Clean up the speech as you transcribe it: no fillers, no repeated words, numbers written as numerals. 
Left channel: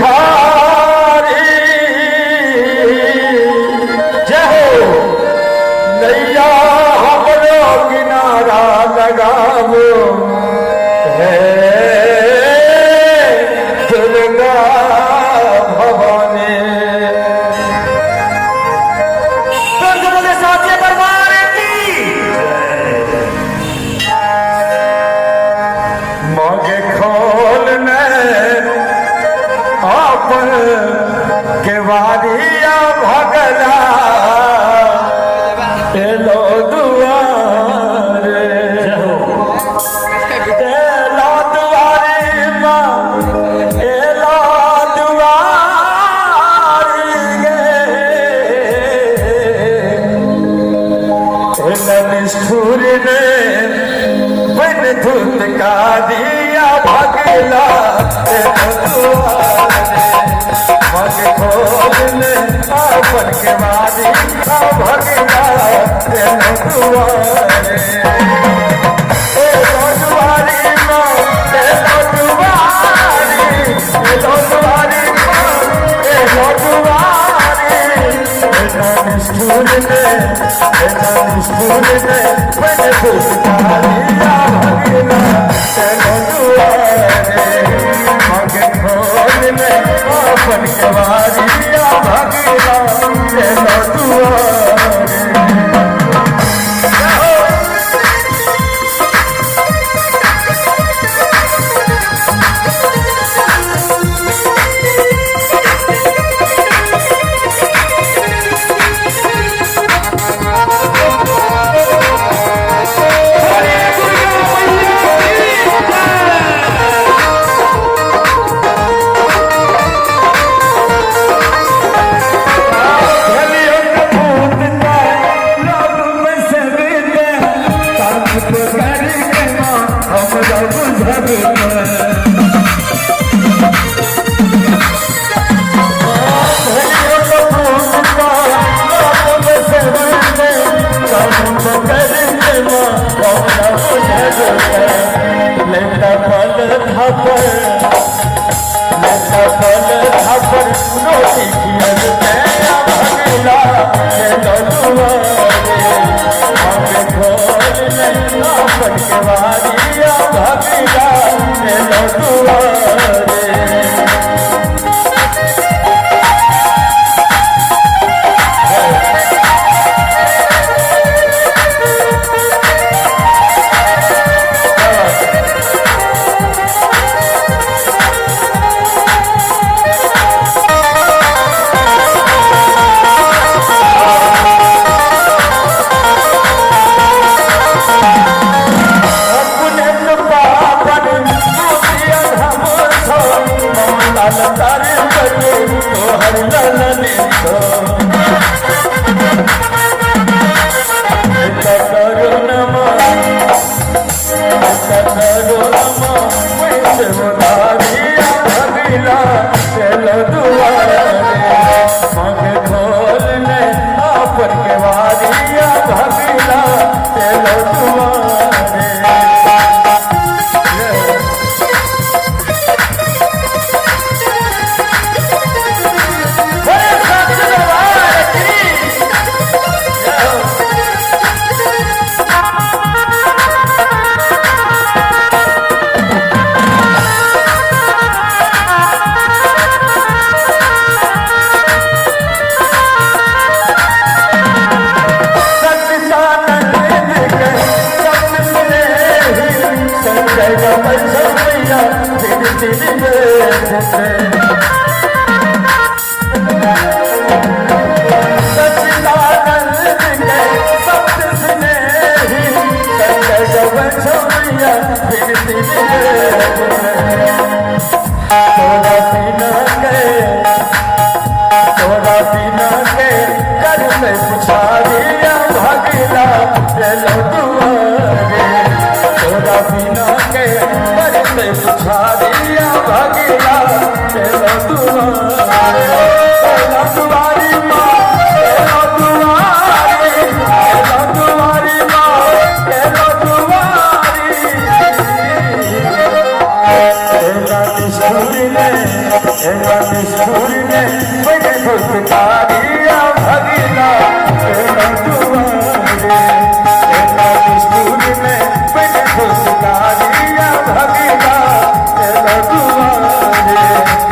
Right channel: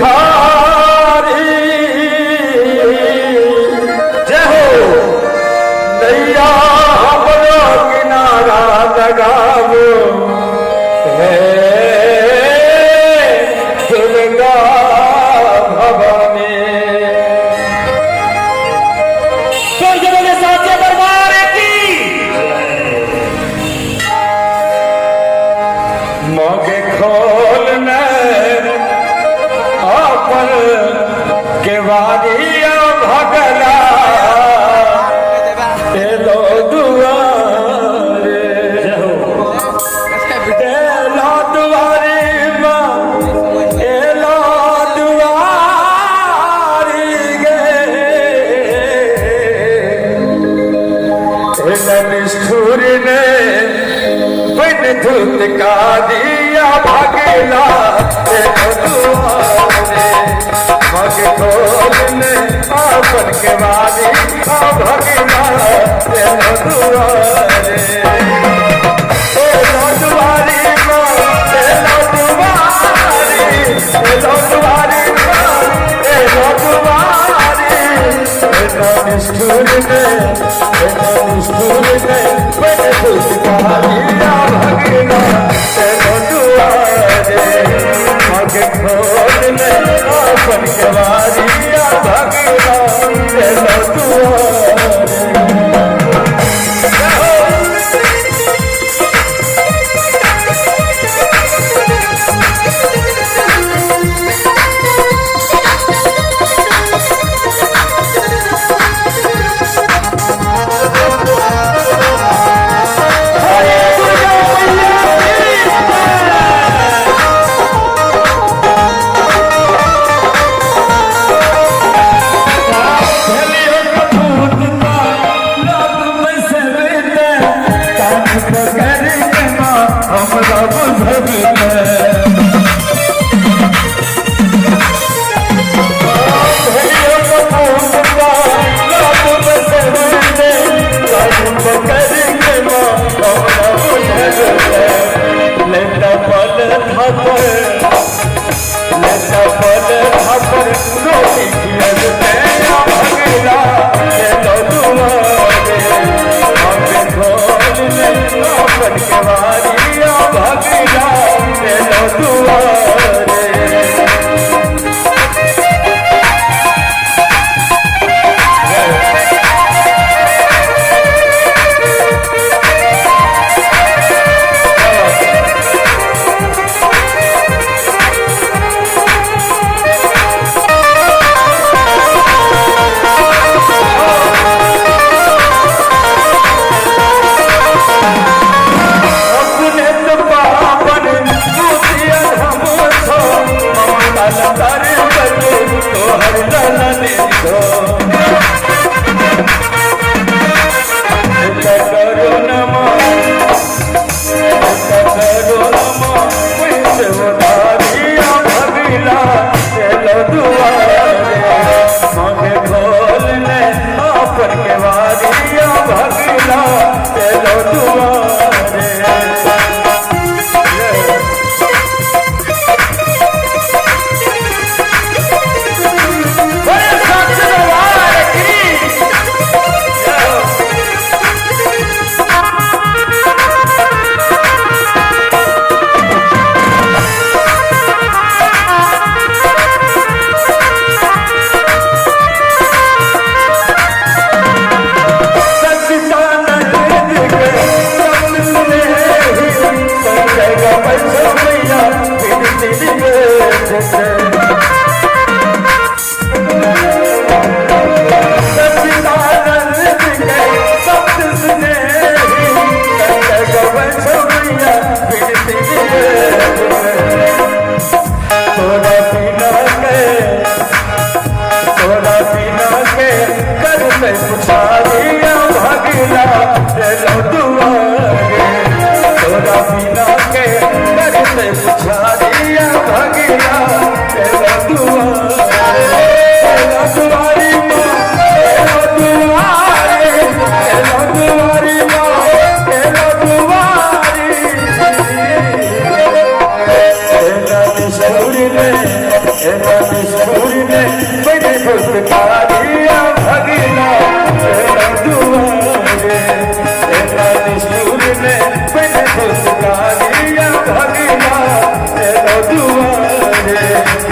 धारी जय हो नैया हमरो किनारा लगावो है दुर्गा भवानी। बोले साचे दरबार की मगे खोल में अपन केवाड़िया भगला एलो दुआरे एलो दुआरी माँ एलो दुआरी गे निष्ठुर ने बन धुलका दिया भगला मग खोल ने अपन के वादी भगला दुआरे दुआरी माँ दुआरी दुआरी निष्ठुर ने बन धुलका दिया भगला मग खोल ने अपन के वादी भगला Hey, फुसकारिया भगना तेरा दुआरे तेरा रसूल ने बड़े फुसकारिया भगना तेरा दुआरे